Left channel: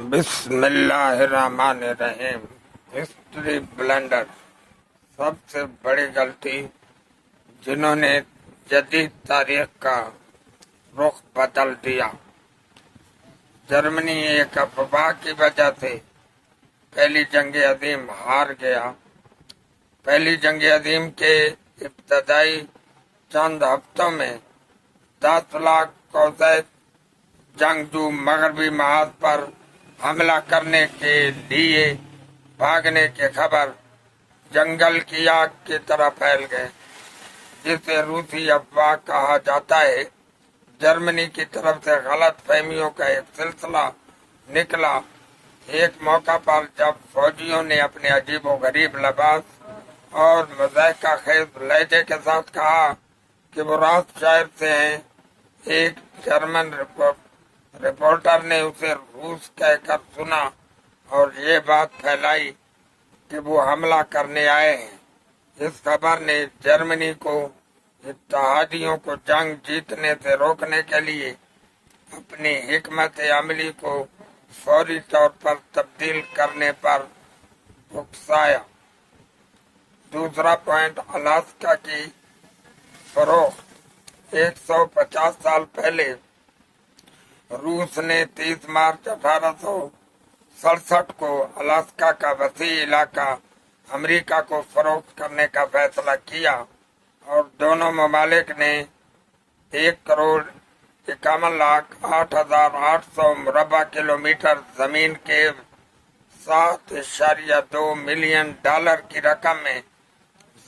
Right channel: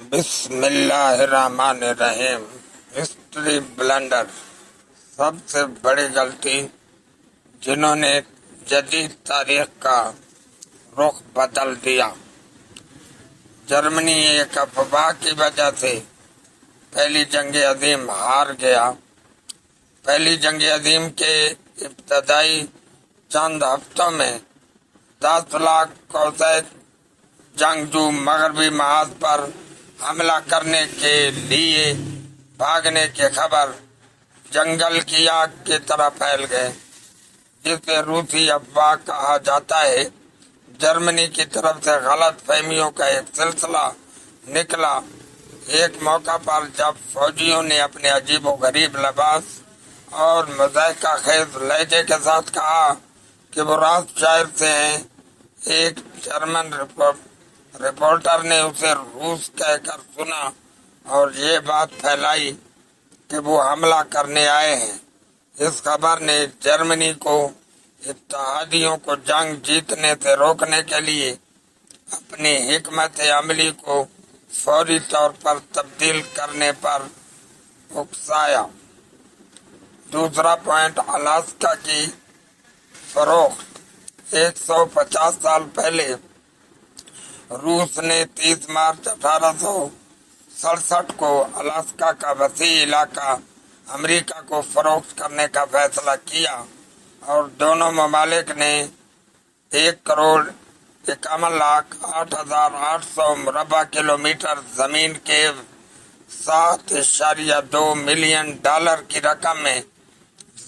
بسم اللہ الرحمن الرحیم۔ ہسٹری بلنڈر، سب سے بڑی غلطی جنہوں نے جدید تاریخ کا رخ بدل دیا۔ جرمنی ایک افواہ کی وجہ سے پہلی جنگ عظیم ہار گیا۔ پہلی جنگ عظیم کے ابتدائی چند ہفتوں میں 10 لاکھ کوسیک جنگجو مغربی محاذ پر حملہ کرنے کے لیے بھاگنے کی خبر جنگل کی آگ کی طرح پھیل گئے، جسے روسی افواہ کہا جاتا ہے۔ جرمنی کی طرف سے غلط فہمیوں کا ایک سلسلہ نکلا۔ ایک موقع پر جب فوجیوں نے اپنے عجیب و غریب لباس اور مضحکہ خیز لہجے کے ساتھ کہا کہ وہ راست شہر سے ہیں، ایک جرمن رپورٹر نے اسے روس کہہ کر سنا اور یہ بات پھیلائی کہ وہ حملہ کرنے آئے ہیں۔ اس خبر نے جرمنی کو اتحادیوں کو جنگ جیتنے سے روکنے کے لیے اپنی حکمت عملی کو فوری طور پر تبدیل کرنے پر اکسایا۔ دوسرا پوائنٹ، الاسکا کی فروخت۔ 150 سال پہلے روس نے 30 مارچ 1867 کو الاسکا کا وسیع علاقہ امریکہ کو فروخت کرنے کا فیصلہ کیا، اور دونوں ممالک نے 1,51,08,800 مربع کلومیٹر زمین کے $7.2 ملین کی رقم میں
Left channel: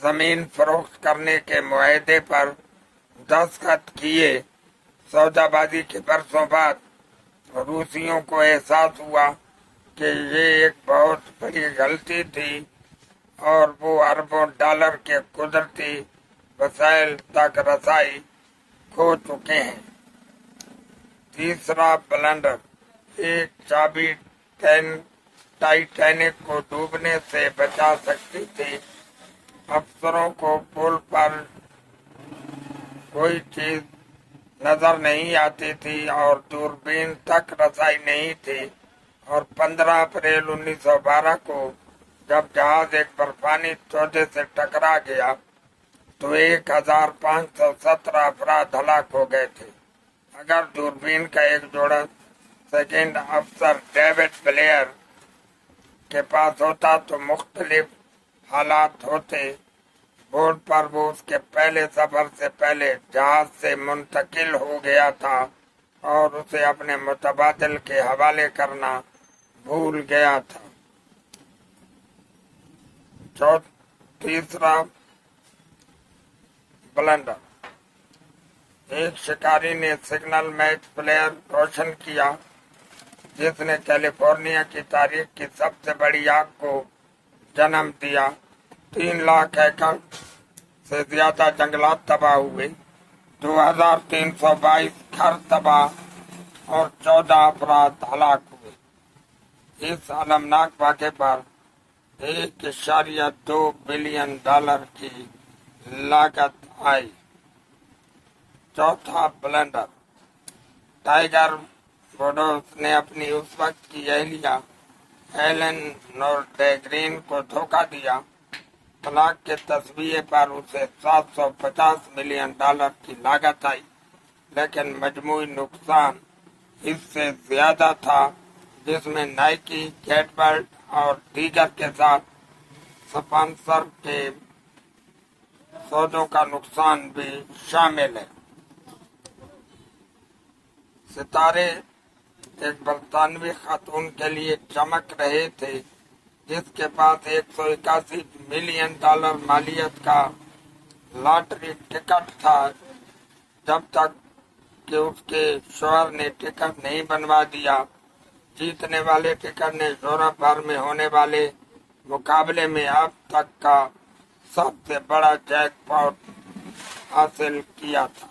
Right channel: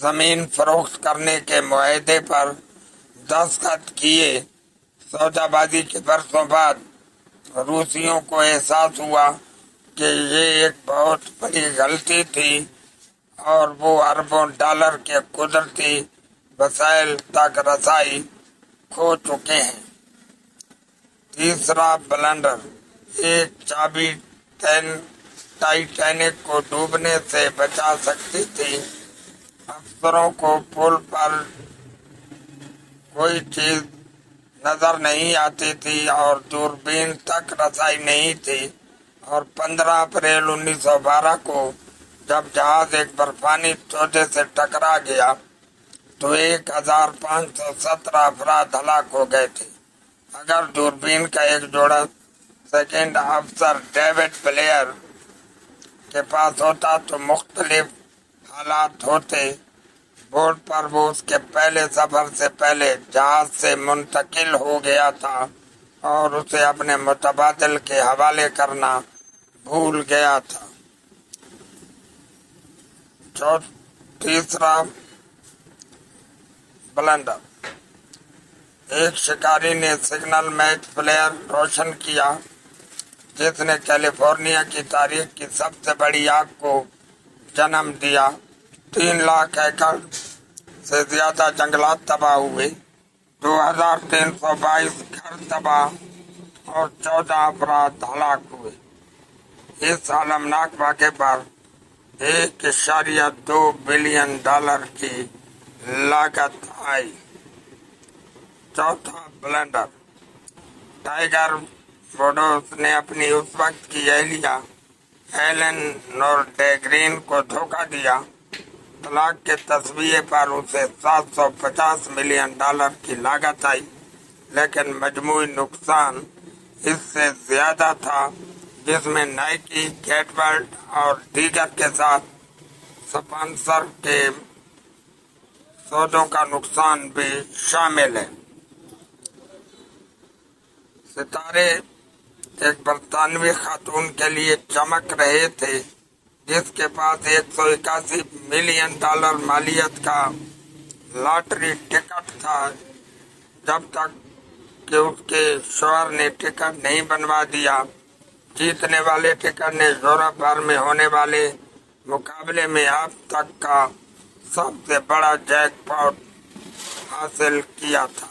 زمین فروخت کرنے کے معاہدے پر دستخط کیے۔ سودا بازی کے برسوں بعد روسیوں کو احساس ہوا کہ یہ ایک بہت بڑی غلطی تھی، اور وہ اربوں ڈالر کے قدرتی وسائل تک رسائی کھو چکے ہیں۔ تیسرا بلنڈر، ایک چابی ٹائٹینک کو ڈوبنے سے بچا سکتی تھی۔ افسروں کو پل پر کوئی چیز نظر نہیں آتی تھی اور دوربین تک رسائی نہیں تھی، اور 15 اپریل 1912 کو جب جہاز ایک برفانی تودے سے ٹکرا گیا تو 1,517 افراد ہلاک ہو گئے تھے۔ اگر دوربین کا ایک جوڑا سیکنڈ افسر ڈیوڈ بلیئر کے پاس ہوتا تو مختلف حالات ہوتے۔ بورڈ پر وہ اس کے پہلے سفر سے پہلے جہاز سے منتقل ہو گیا تھا اور اسے اپنے متبادل کے حوالے کرنا بھول گیا تھا۔ تیسرا بلنڈر، ایک شکاری نے سگنل میچ فلیئر روشن کیا جس نے کیلیفورنیا کی تاریخ کی سب سے بڑی آگ کو جنم دیا۔ 3 لاکھ ایکڑ سے زیادہ جنگلات تباہ ہوئے، 2,322 گھر تباہ اور 14 افراد ہلاک ہوئے۔ اس المناک واقعے پر $1.2 بلین کی لاگت آئی۔ چوتھا بلنڈر، ٹائیگر ووڈس نے اپنی اس وقت کی اہلیہ ایلن نورڈیگرین کو دھوکہ دیا۔ طلاق کے تصویے پر اسے $750 ملین کی لاگت آئی، لیکن مجموعی نقصان اس سے زیادہ تھا، جس میں نائکی، گیٹورڈ اور دیگر کے ساتھ سپانسر کے سودوں کا نقصان بھی شامل ہے۔ ستارے ایک برطانوی خاتون کے لیے چمک رہے تھے جس کے پاس $181 ملین مالیت کا لاٹری ٹکٹ تھا، جب تک کہ اس کے شوہر نے ٹکٹ نہیں بنوا دیا۔ جیتنے والے ٹکٹ نے یورپ بھر میں ہونے والے مقابلے میں اب تک کا سب سے بڑا جیک پاٹ حاصل کیا تھا۔